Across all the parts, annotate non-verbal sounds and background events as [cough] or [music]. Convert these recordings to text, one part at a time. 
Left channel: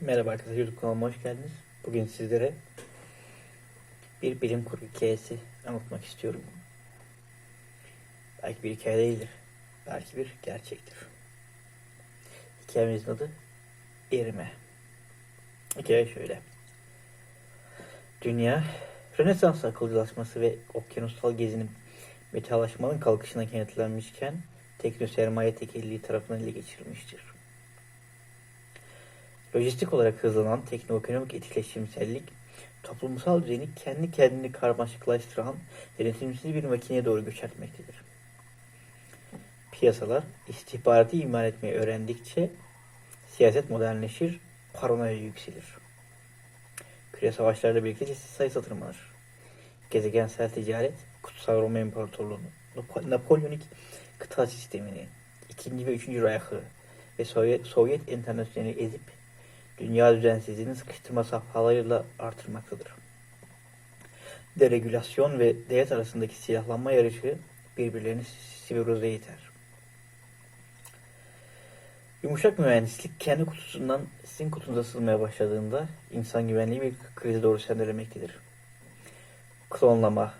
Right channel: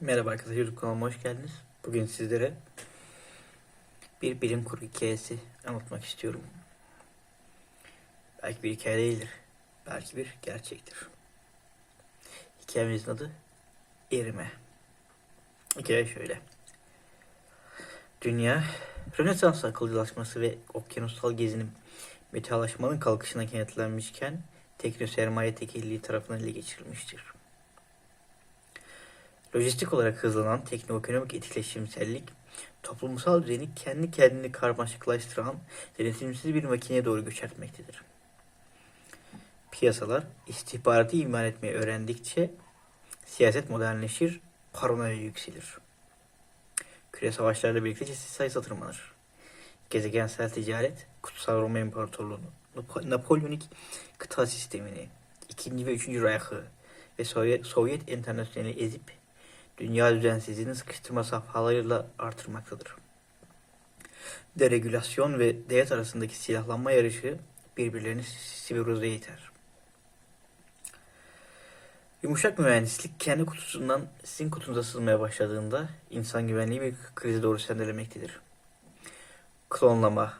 Merhaba arkadaşlar, YouTube kanalıma hoş geldiniz. Bugün sizlere bir bilim kurgu hikayesi anlatmak istiyorum. Belki bir hikaye değildir, belki bir gerçektir. Hikayemizin adı Erime. Hikaye şöyle. Dünya, Rönesans akılcılaşması ve okyanusal gezinin metalaşmanın kalkışına kenetlenmişken tekno sermaye tekelliği tarafından ele geçirilmiştir. Lojistik olarak hızlanan teknoekonomik etkileşimsellik, toplumsal düzeni kendi kendini karmaşıklaştıran denetimsiz bir makineye doğru göç etmektedir. Piyasalar istihbaratı iman etmeyi öğrendikçe siyaset modernleşir, paranoya yükselir. Küre savaşlarla birlikte sayısı tırmanır. Gezegensel ticaret, Kutsal Roma İmparatorluğu'nu, Nap- Napolyonik kıta sistemini, 2. ve 3. Reich'ı ve Sovyet, Sovyet Enternasyonel'i ezip dünya düzensizliğini sıkıştırma safhalarıyla artırmaktadır. Deregülasyon ve devlet arasındaki silahlanma yarışı birbirlerini sivrize iter. Yumuşak mühendislik kendi kutusundan sizin kutunuza sızmaya başladığında insan güvenliği bir krize doğru sendelemektedir. Klonlama,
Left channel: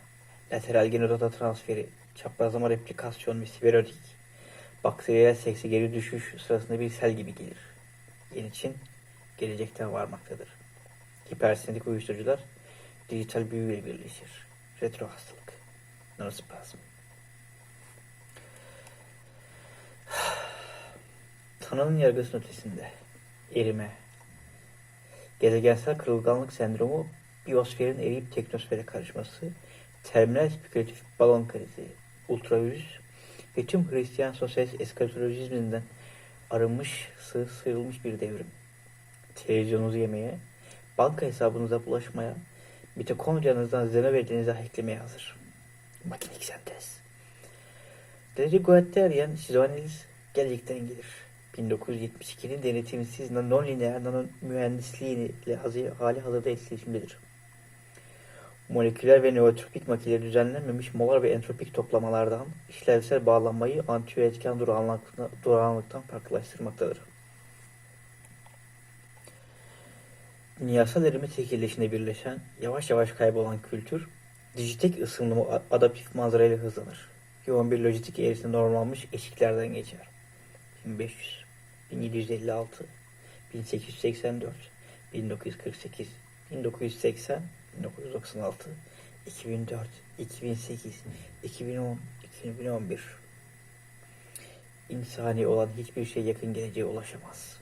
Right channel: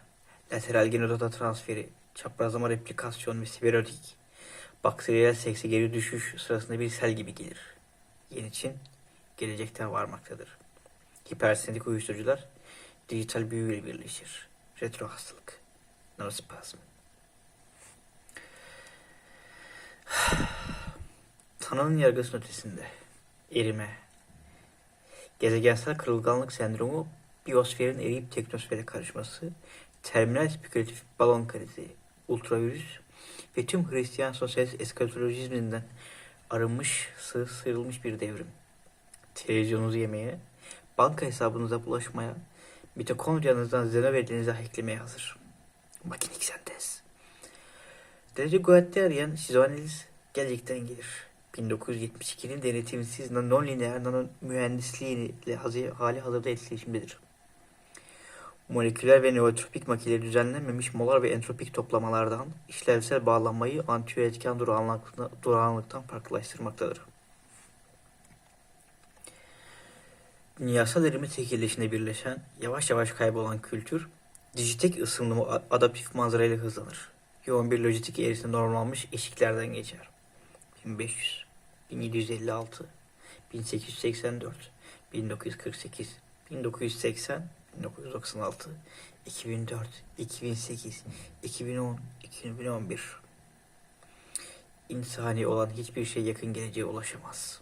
lateral genodata transferi, çaprazlama replikasyon ve siberotik, bakteriyel sekse geri düşüş sırasında bir sel gibi gelir. Yeni Çin gelecekten varmaktadır. Hipersendik uyuşturucular dijital büyüyle birleşir. Retro hastalık, norospazm. [sighs] Tanrı'nın yargısının ötesinde erime, gezegensel kırılganlık sendromu, biyosferin eriyip teknosfere karışması, terminal spekülatif balon krizi, ultravirüs ve tüm Hristiyan sosyalist eskatolojizminden arınmış, sığ sıyrılmış bir devrim televizyonunuzu yemeye, banka hesabınıza bulaşmaya, mitokondriyanızdan xenoverinize hacklemeye hazır. Makinik sentez. Derece Guattarian şizoanaliz gelecekten gelir. 1972'nin denetimsiz non-lineer nano mühendisliğiyle hazı- hali hazırda etkileşimdedir. Moleküler ve neotropik makineleri düzenlenmemiş molar ve entropik toplamalardan işlevsel bağlanmayı durağanlıktan, durağanlıktan farklılaştırmaktadır. Dünyasal erime tekilleşinde birleşen, yavaş yavaş kaybolan kültür, dijitek ısınımı adaptif manzarayla hızlanır. Yoğun bir lojistik eğrisinde normalmiş eşiklerden geçer. 1500, 1756, 1884, 1948, 1980, 1996, 2004, 2008, 2010, 2011. İnsani olan hiçbir şey yakın geleceğe ulaşamaz.